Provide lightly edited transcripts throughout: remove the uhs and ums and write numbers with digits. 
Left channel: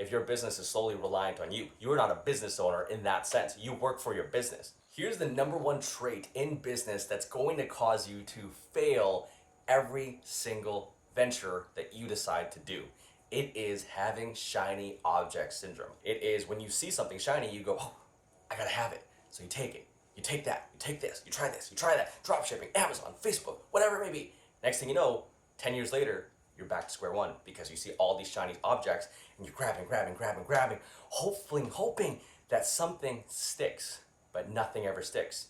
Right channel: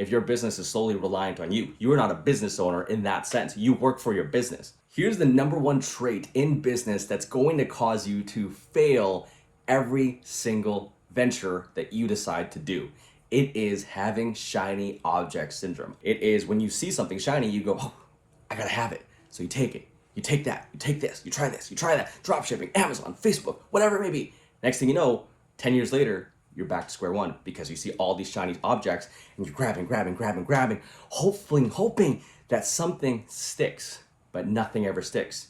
if your business is solely reliant on you. You are not a business owner in that sense. You work for your business. Here's the number one trait in business that's going to cause you to fail every single venture that you decide to do. It is having shiny object syndrome. It is when you see something shiny, you go, oh, I gotta have it. So you take it, you take that, you take this, you try that, drop shipping, Amazon, Facebook, whatever it may be. Next thing you know, 10 years later, you're back to square one because you see all these shiny objects and you're grabbing, hoping that something sticks, but nothing ever sticks.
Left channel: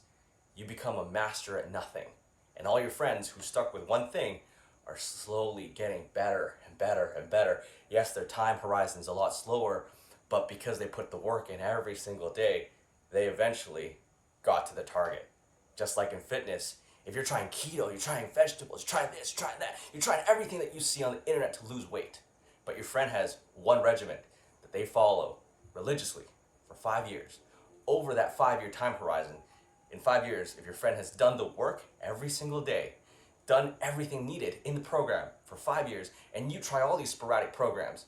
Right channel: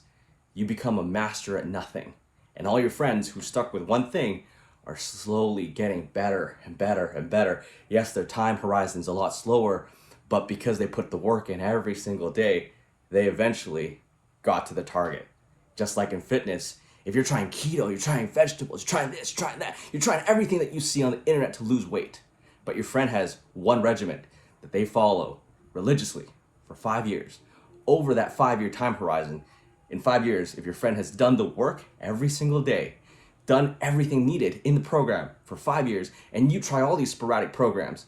You become a master at nothing. And all your friends who stuck with one thing are slowly getting better and better and better. Yes, their time horizon's a lot slower, but because they put the work in every single day, they eventually got to the target. Just like in fitness, if you're trying keto, you're trying vegetables, you're trying this, you're trying that, you're trying everything that you see on the internet to lose weight, but your friend has one regimen that they follow religiously for 5 years. Over that 5-year time horizon, in 5 years, if your friend has done the work every single day, done everything needed in the program for 5 years, and you try all these sporadic programs,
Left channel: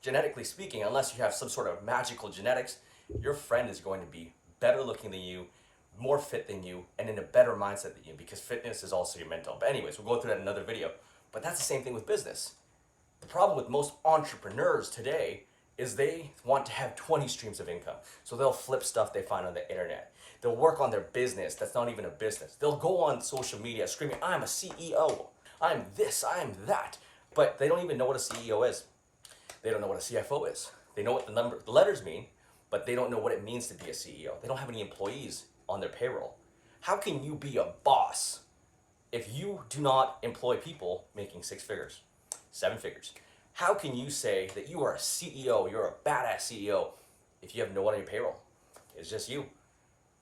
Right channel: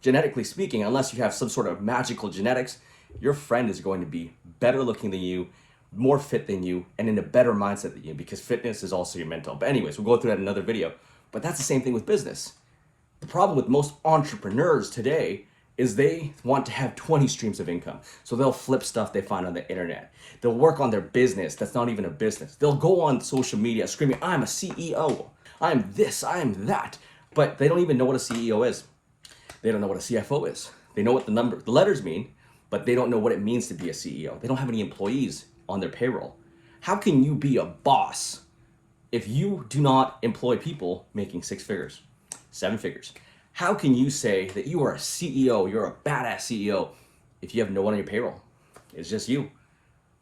genetically speaking, unless you have some sort of magical genetics, your friend is going to be better looking than you, more fit than you, and in a better mindset than you, because fitness is also your mental. But anyways, we'll go through that in another video. But that's the same thing with business. The problem with most entrepreneurs today is they want to have 20 streams of income. So they'll flip stuff they find on the internet. They'll work on their business that's not even a business. They'll go on social media screaming, I'm a CEO, I'm this, I'm that. But they don't even know what a CEO is. They don't know what a CFO is. They know what the letters mean, but they don't know what it means to be a CEO. They don't have any employees on their payroll. How can you be a boss if you do not employ people making 6 figures, 7 figures? How can you say that you are a CEO, you're a badass CEO, if you have no one on your payroll? It's just you.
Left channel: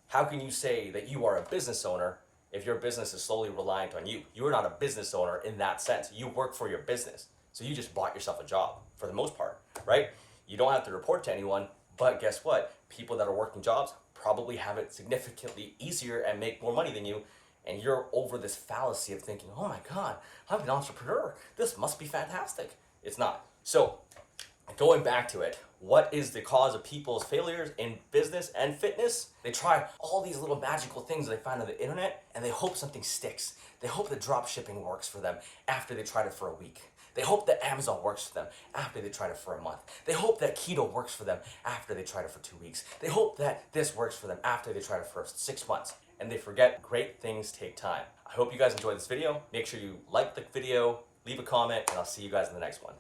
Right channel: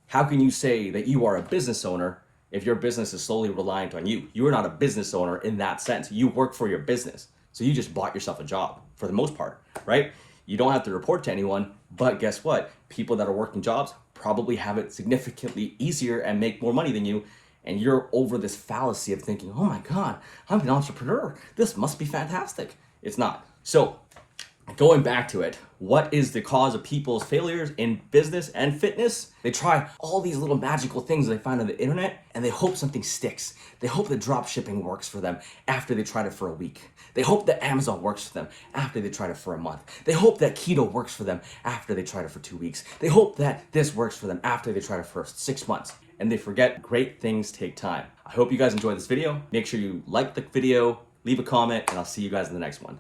How can you say that you are a business owner if your business is solely reliant on you? You are not a business owner in that sense. You work for your business. So you just bought yourself a job for the most part, right? You don't have to report to anyone, but guess what? People that are working jobs probably have it significantly easier and make more money than you. And you're over this fallacy of thinking, oh my God, I'm an entrepreneur. This must be fantastic. It's not. So going back to it, what is the cause of people's failures in business and fitness? They try all these little magical things they find on the internet and they hope something sticks. They hope that drop shipping works for them after they tried it for a week. They hope that Amazon works for them after they tried it for a month. They hope that keto works for them after they tried it for 2 weeks. They hope that this works for them after they tried it for 6 months. And they forget great things take time. I hope you guys enjoyed this video. Make sure you like the video, leave a comment, and I'll see you guys in the next one.